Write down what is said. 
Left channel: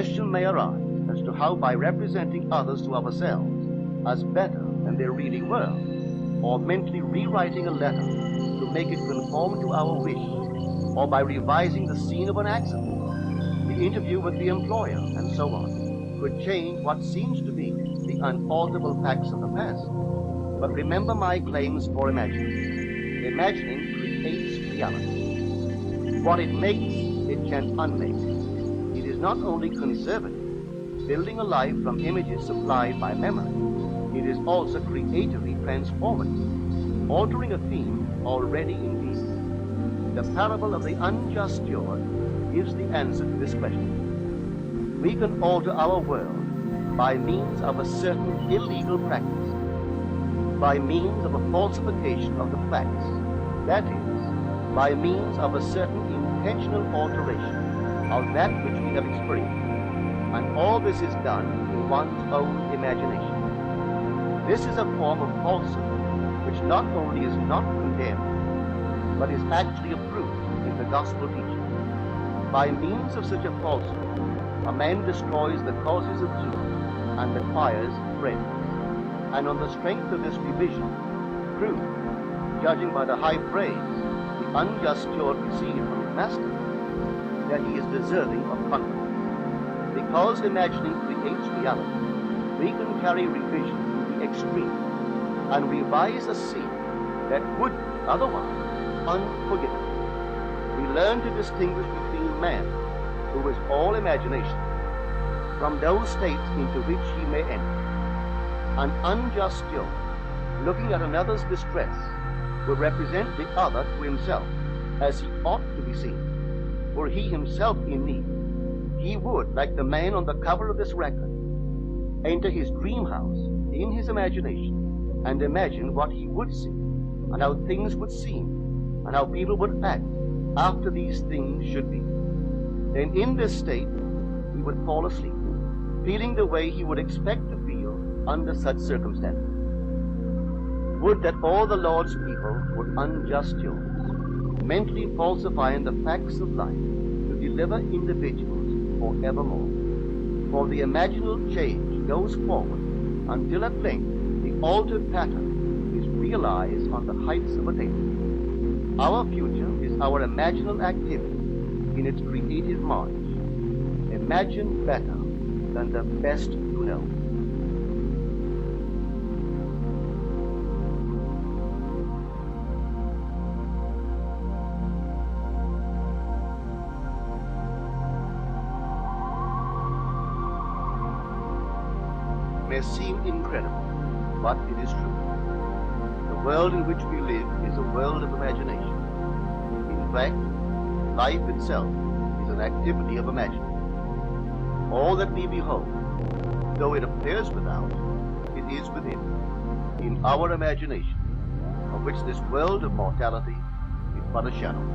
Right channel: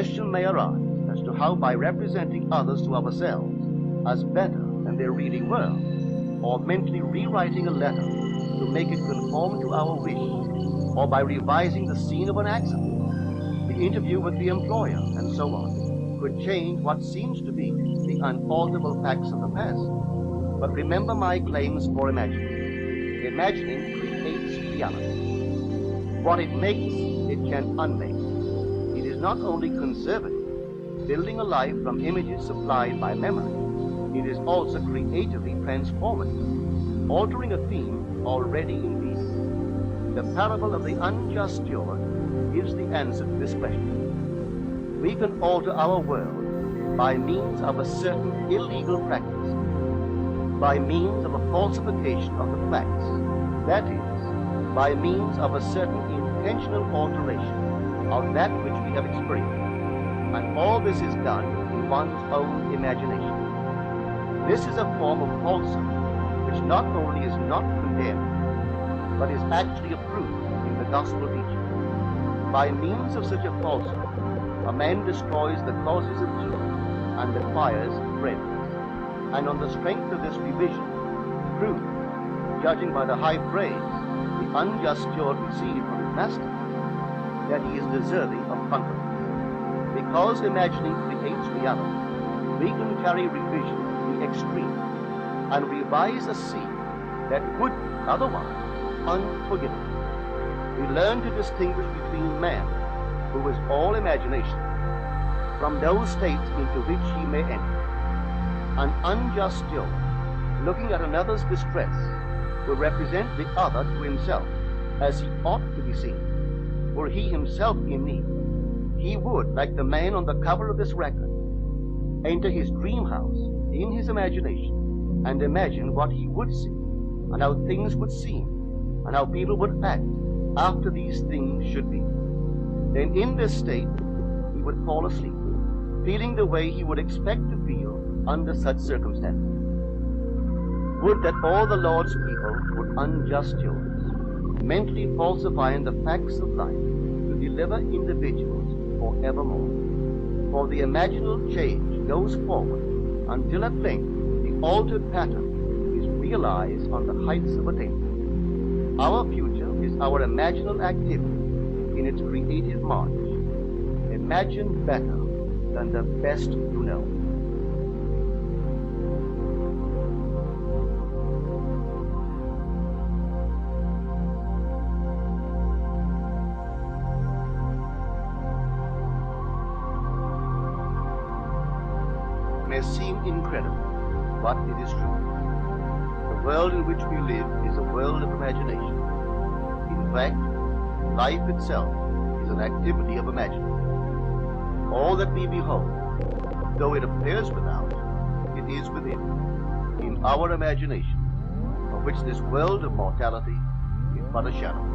question may arise as to how, by representing others to ourselves as better than they really were, or mentally rewriting a letter to make it conform to our wish, or by revising the scene of an accident, the interview with the employer, and so on, could change what seems to be the unalterable facts of the past. But remember my claims for imagining. Imagining creates reality. What it makes, it can unmake. It is not only conservative, building a life from images supplied by memory. It is also creatively transformative, altering a theme already in being. The parable of the unjust steward gives the answer to this question. We can alter our world by means of a certain illegal practice, by means of a falsification of the facts, that is, by means of a certain intentional alteration of that which we have experienced. And all this is done in one's own imagination. This is a form of falsehood which not only is not condemned, but is actually approved in the gospel teaching. By means of such a falsehood, a man destroys the causes of evil and acquires friends. And on the strength of this revision, proves, judging by the high praise the unjust steward received from his master, that he is deserving of confidence. Because imagining creates reality, we can carry revision to the extreme and revise a scene that would be otherwise unforgivable. We learn to distinguish between man, who is all imagination, from those states into which he may enter. An unjust steward, looking at another's distress, will represent the other to himself as he ought to be seen. Were he himself in need, he would, like the man on the cover of this record, enter his dream house in his imagination and imagine what he would see and how things would seem and how people would act after these things should be. Then in this state, he would fall asleep, feeling the way he would expect to feel under such circumstances. Would that all the Lord's people were unjust stewards, mentally falsifying the facts of life to deliver individuals forevermore. For the imaginal change goes forward until at length the altered pattern is realized on the heights of attainment. Our future is our imaginal activity in its creative march. Imagine better than the best you know. May seem incredible, but it is true. The world in which we live is a world of imagination. In fact, life itself is an activity of imagining. All that we behold, though it appears without, it is within, in our imagination, of which this world of mortality is but a shadow.